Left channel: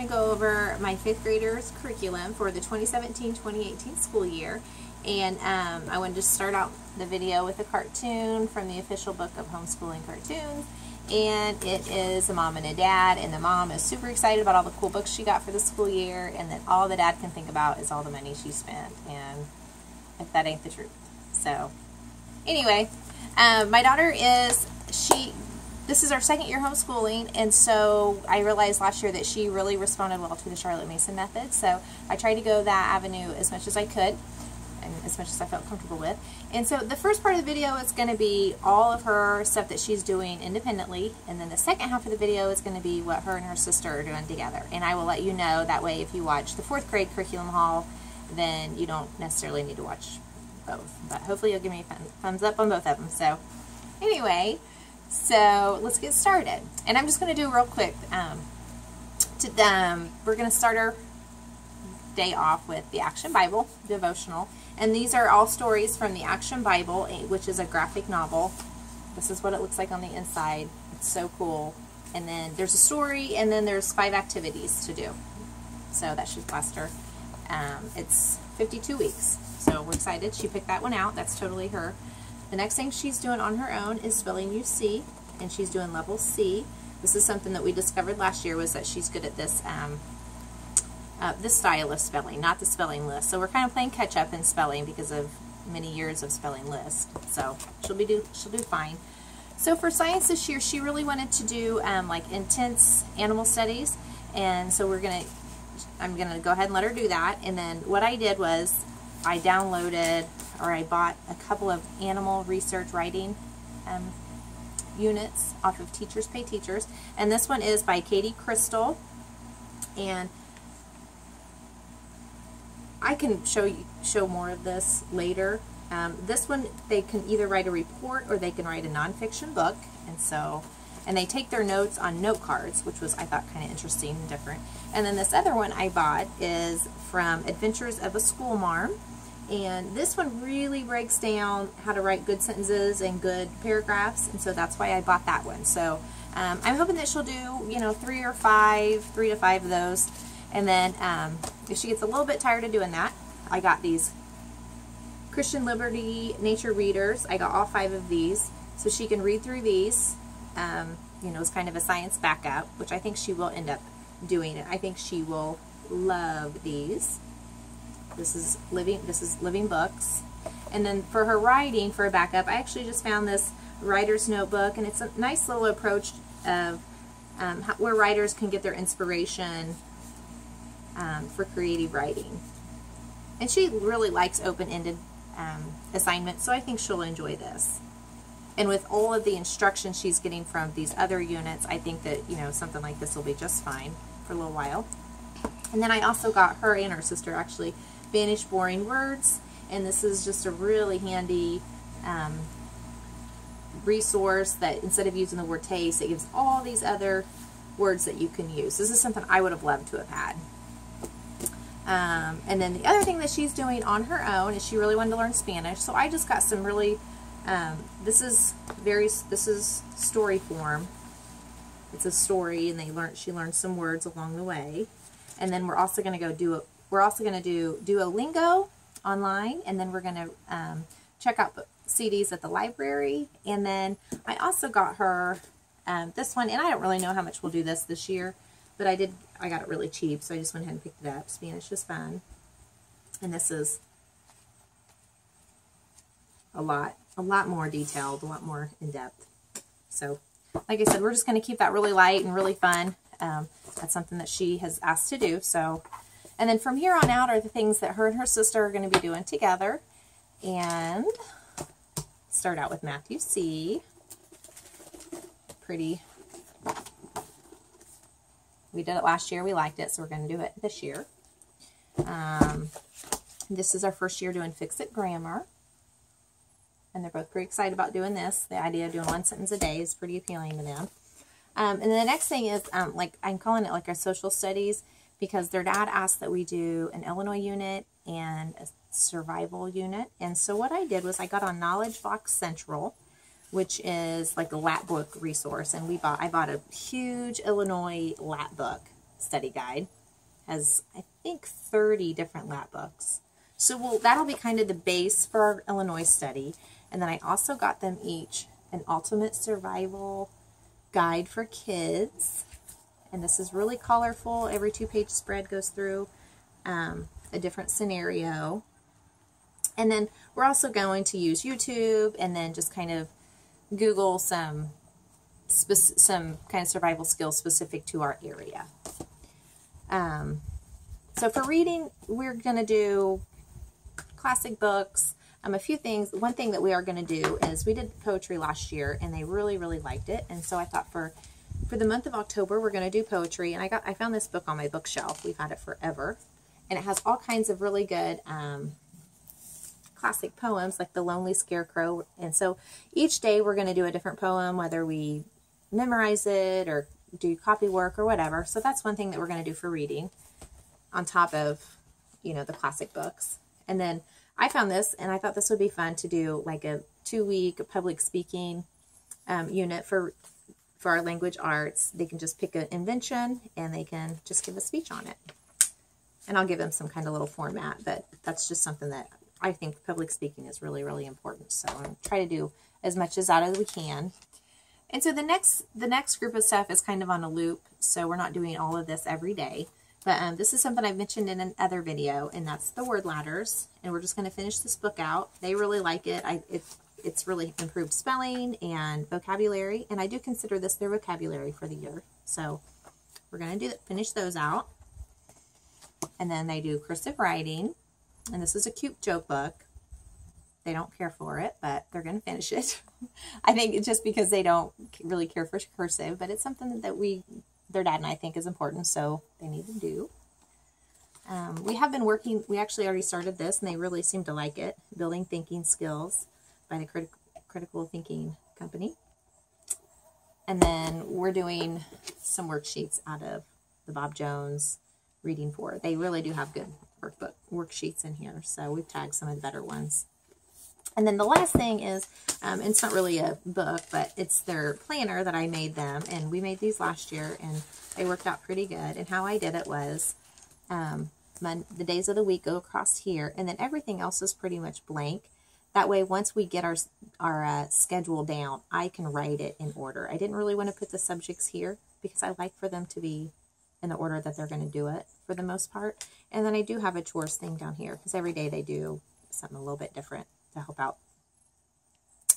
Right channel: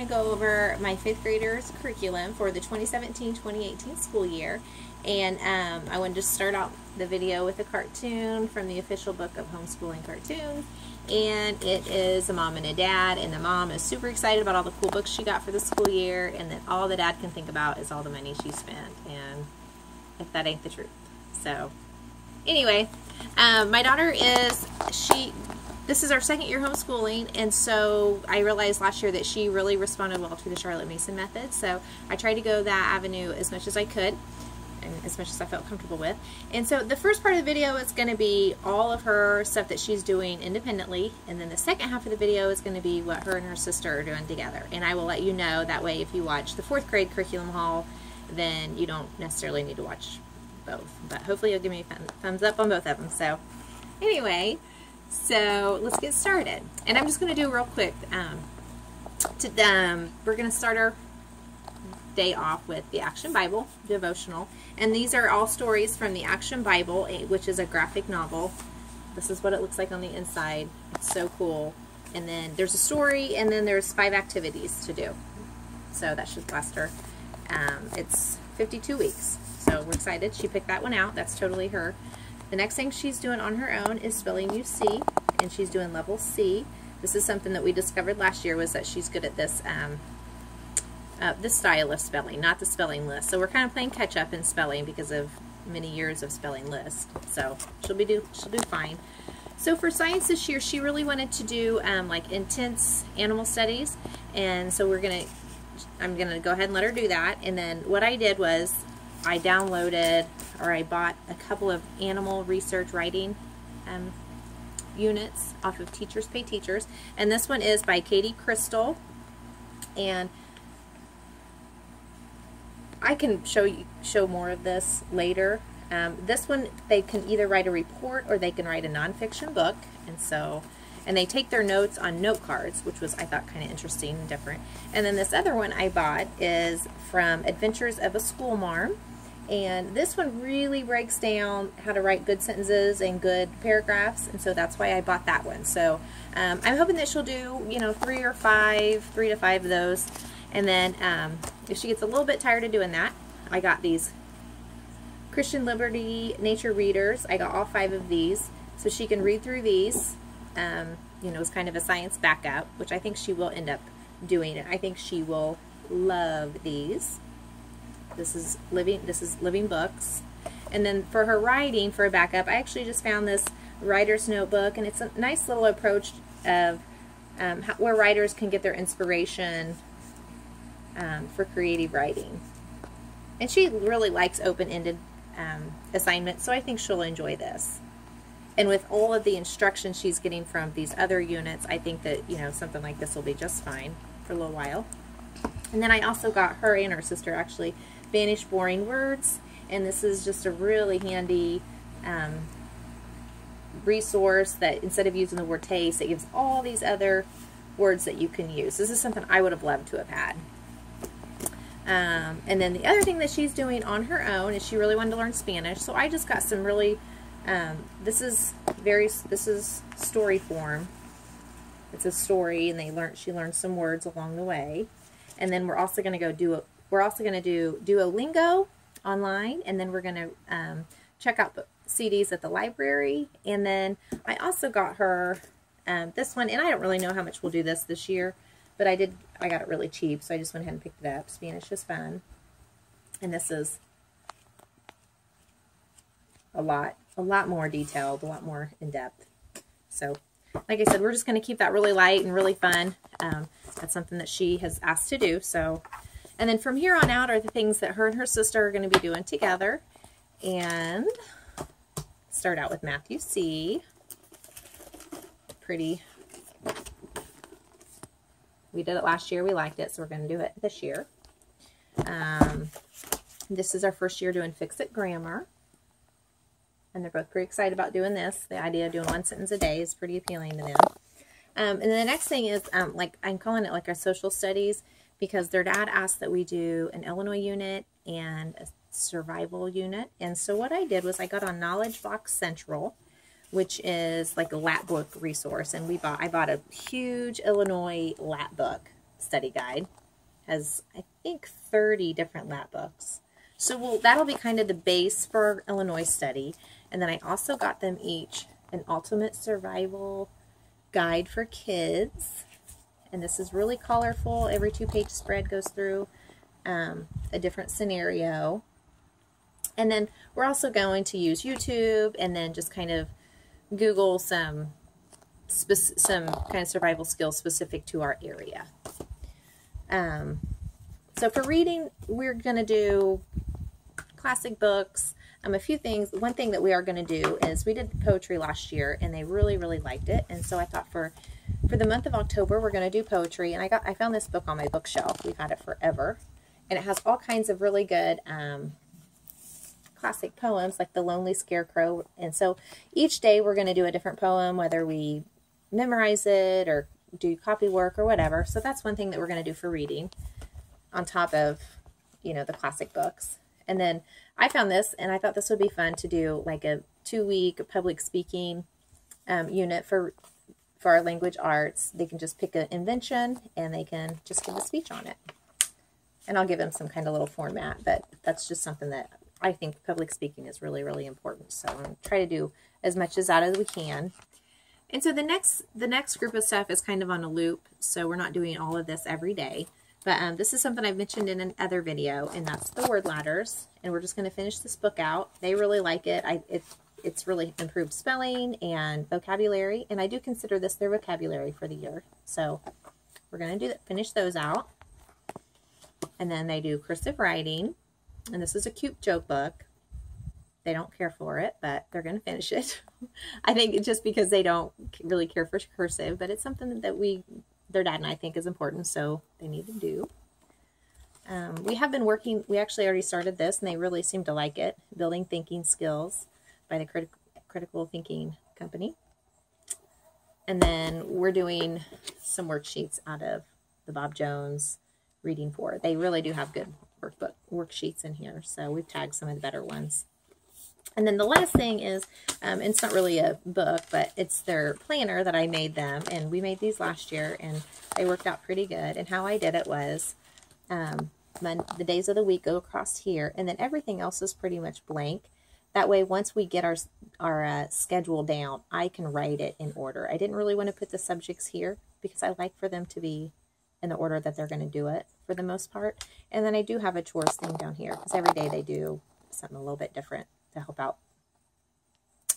going to go over my 5th graders curriculum for the 2017-2018 school year. And I wanted to start out the video with a cartoon from the official book of homeschooling cartoons. And it is a mom and a dad, and the mom is super excited about all the cool books she got for the school year, and then all the dad can think about is all the money she spent, and if that ain't the truth. So anyway, my daughter this is our 2nd year homeschooling, and so I realized last year that she really responded well to the Charlotte Mason method, so I tried to go that avenue as much as I could, and as much as I felt comfortable with. And so the first part of the video is going to be all of her stuff that she's doing independently, and then the second half of the video is going to be what her and her sister are doing together. And I will let you know, that way if you watch the 4th grade curriculum haul, then you don't necessarily need to watch both. But hopefully you'll give me a thumbs up on both of them. So anyway, so let's get started. And I'm just going to do real quick, we're going to start our day off with the Action Bible devotional, and these are all stories from the Action Bible, which is a graphic novel. This is what it looks like on the inside. It's so cool. And then there's a story, and then there's 5 activities to do, so that should last her. It's 52 weeks, so we're excited. She picked that one out. That's totally her. The next thing she's doing on her own is spelling UC, and she's doing level C. This is something that we discovered last year, was that she's good at this style of spelling, not the spelling list. So we're kind of playing catch up in spelling because of many years of spelling list. So she'll do fine. So for science this year, she really wanted to do like intense animal studies, and so I'm gonna go ahead and let her do that. And then what I did was I bought a couple of animal research writing units off of Teachers Pay Teachers, and this one is by Katie Crystal, and I can show more of this later. This one, they can either write a report or they can write a nonfiction book, and they take their notes on note cards, which was, I thought, kind of interesting and different. And then this other one I bought is from Adventures of a School Marm, and this one really breaks down how to write good sentences and good paragraphs, and so that's why I bought that one. So I'm hoping that she'll do, 3 to 5 of those. And then if she gets a little bit tired of doing that, I got these Christian Liberty Nature Readers. I got all 5 of these, so she can read through these. It's kind of a science backup, which I think she will end up doing. And I think she will love these. This is living books. And then for her writing, for a backup, I actually just found this writer's notebook, and it's a nice little approach of where writers can get their inspiration for creative writing. And she really likes open-ended assignments, so I think she'll enjoy this. And with all of the instruction she's getting from these other units, I think that, something like this will be just fine for a little while. And then I also got her and her sister, actually, Banish Boring Words, and this is just a really handy resource that instead of using the word taste, it gives all these other words that you can use. This is something I would have loved to have had. And then the other thing that she's doing on her own is she really wanted to learn Spanish, so I just got some really, this is story form. It's a story, and she learned some words along the way. And then we're also going to do Duolingo online, and then we're going to check out the CDs at the library. And then I also got her this one, and I don't really know how much we'll do this year, but I got it really cheap, so I just went ahead and picked it up. Spanish is Fun. And this is a lot more detailed, a lot more in-depth. So, like I said, we're just going to keep that really light and really fun. That's something that she has asked to do. So, and then from here on out are the things that her and her sister are going to be doing together. And start out with Matthew C. Pretty. We did it last year. We liked it, so we're going to do it this year. This is our first year doing Fix-It Grammar. And they're both pretty excited about doing this. The idea of doing 1 sentence a day is pretty appealing to them. And the next thing is, I'm calling it like our social studies, because their dad asked that we do an Illinois unit and a survival unit. And so what I did was I got on Knowledge Box Central, which is like a Lat book resource, and I bought a huge Illinois Lat book. study guide. Has, I think, 30 different lap books. So that'll be kind of the base for our Illinois study. And then I also got them each an ultimate survival guide for kids. And this is really colorful. Every 2-page spread goes through a different scenario. And then we're also going to use YouTube and then just kind of Google some kind of survival skills specific to our area. So for reading, we're going to do classic books. A few things. One thing that we are going to do is we did poetry last year and they really, really liked it. And so I thought for the month of October, we're going to do poetry. And I found this book on my bookshelf. We've had it forever. And it has all kinds of really good classic poems like The Lonely Scarecrow. And so each day we're going to do a different poem, whether we memorize it or do copy work or whatever. So that's one thing that we're going to do for reading on top of, you know, the classic books. And then I found this and I thought this would be fun to do like a 2-week public speaking unit for our language arts. They can just pick an invention and they can just give a speech on it. And I'll give them some kind of little format, but that's just something that I think public speaking is really, really important. So I'm going to try to do as much as that as we can. And so the next group of stuff is kind of on a loop, so we're not doing all of this every day. But this is something I've mentioned in another video, and that's the word ladders. And we're just going to finish this book out. They really like it. It's really improved spelling and vocabulary, and I do consider this their vocabulary for the year. So we're going to finish those out. And then they do cursive writing, and this is a cute joke book. They don't care for it, but they're going to finish it. I think it's just because they don't really care for cursive, but it's something that their dad and I think is important, so they need to do. We have been working, we actually already started this, and they really seem to like it, Building Thinking Skills by the Critical Thinking Company. And then we're doing some worksheets out of the Bob Jones Reading 4. They really do have good worksheets in here, so we've tagged some of the better ones. And then the last thing is, it's not really a book, but it's their planner that I made them. And we made these last year, and they worked out pretty good. And how I did it was, the days of the week go across here, and then everything else is pretty much blank. That way, once we get our schedule down, I can write it in order. I didn't really want to put the subjects here because I like for them to be in the order that they're going to do it for the most part. And then I do have a chores thing down here because every day they do something a little bit different to help out.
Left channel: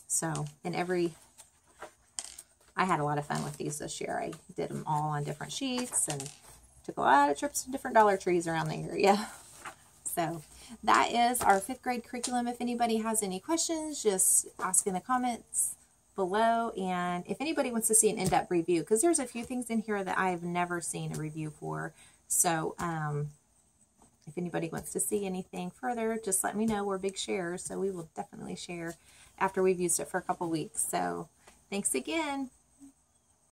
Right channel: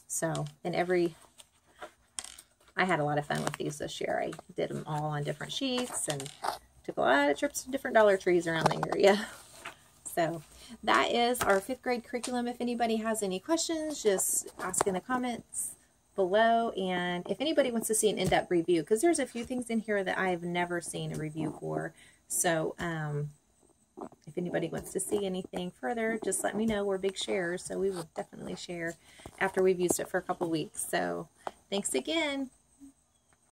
So, I had a lot of fun with these this year. I did them all on different sheets and took a lot of trips to different Dollar Trees around the area. So, that is our 5th grade curriculum. If anybody has any questions, just ask in the comments below. And if anybody wants to see an in-depth review, because there's a few things in here that I have never seen a review for. So, if anybody wants to see anything further, just let me know. We're big sharers, so we will definitely share after we've used it for a couple weeks. So, thanks again.